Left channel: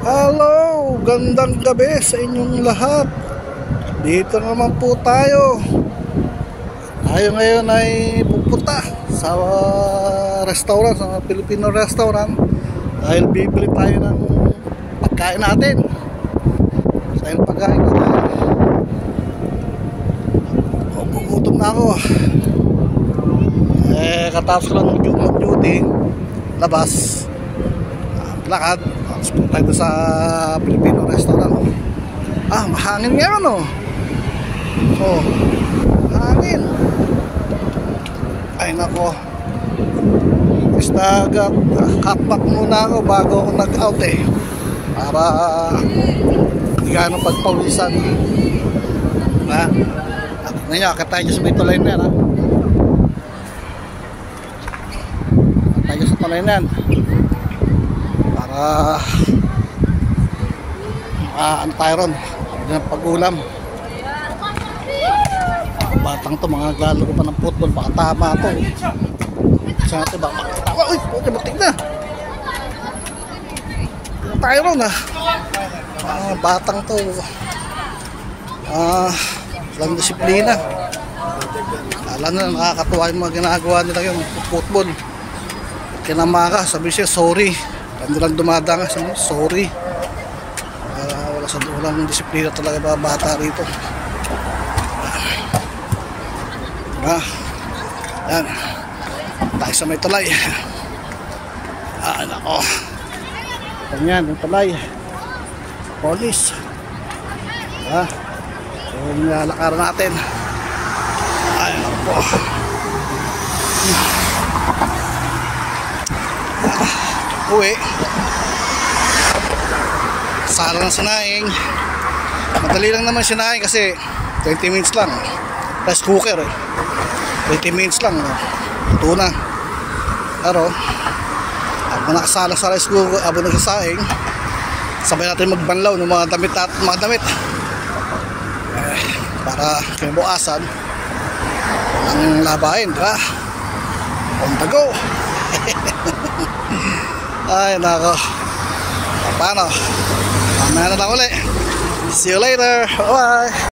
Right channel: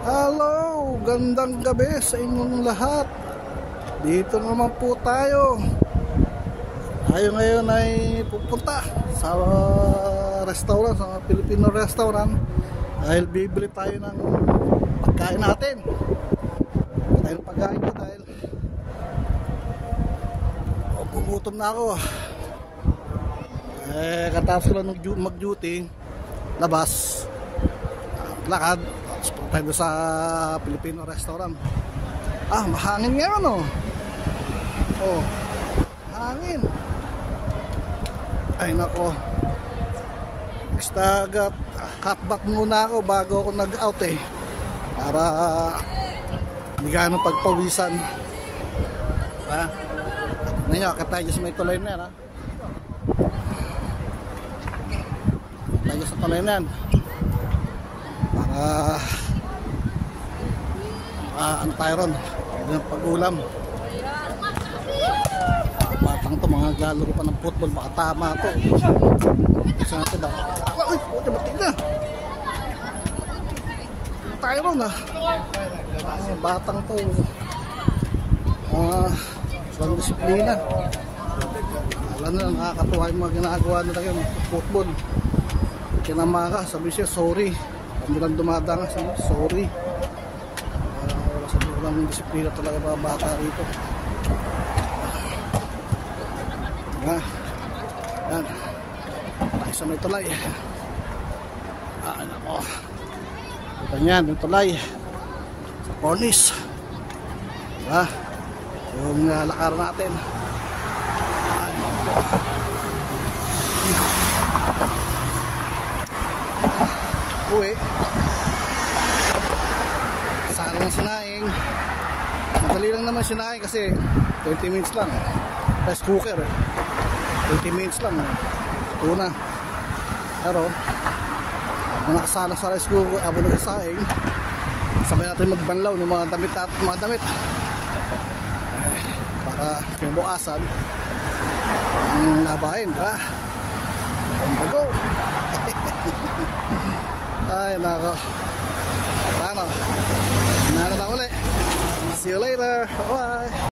Hello, gandang gabi sa inyong lahat. Dito naman po tayo. Tayo ngayon ay pupunta sa restaurant, sa Filipino restaurant, dahil bibili tayo ng pagkain natin. Dahil pagkain ko tayo, gugutom na ako. Katapos ko lang mag-duty, labas, lakad. Tapos po tayo sa Filipino restaurant. Mahangin ngayon, oh. Hangin. Ay nako, nag-cutback muna ako bago ako nag-out para hindi gano'ng pagpawisan. Ngayon, akit tayo sa may tulay na yan, tayo sa tulay na yan para ano tayo ron, pag-ulam. Batang to, mga galaro pa ng football, baka tama to. Isa natin baka tawa. Uy, butik na tayo ron, batang to, lang disiplina. Alam na, nakakatuwa yung mga ginagawa nila yung football. Kinamaka, sabi siya sorry, hindi lang dumadanga, sorry. Walang disiplina talaga mga bata rito. Yan, tayo sa may tulay. Nako, yan yung tulay, police. Yung nalakaran natin. Ay nako, uwi. Sala ng sinaing. Madali lang naman sinaing kasi 20 minutes lang. Rice cooker 20 minutes lang, ito na. Pero habang nakasala sa rice cooker, habang nagsasaing, sabay natin magbanlaw ng mga damit at mga damit para kinabukasan ang labahin, diba? On the go. Ay nako, paano? Mamaya na lang ulit. See you later. Bye.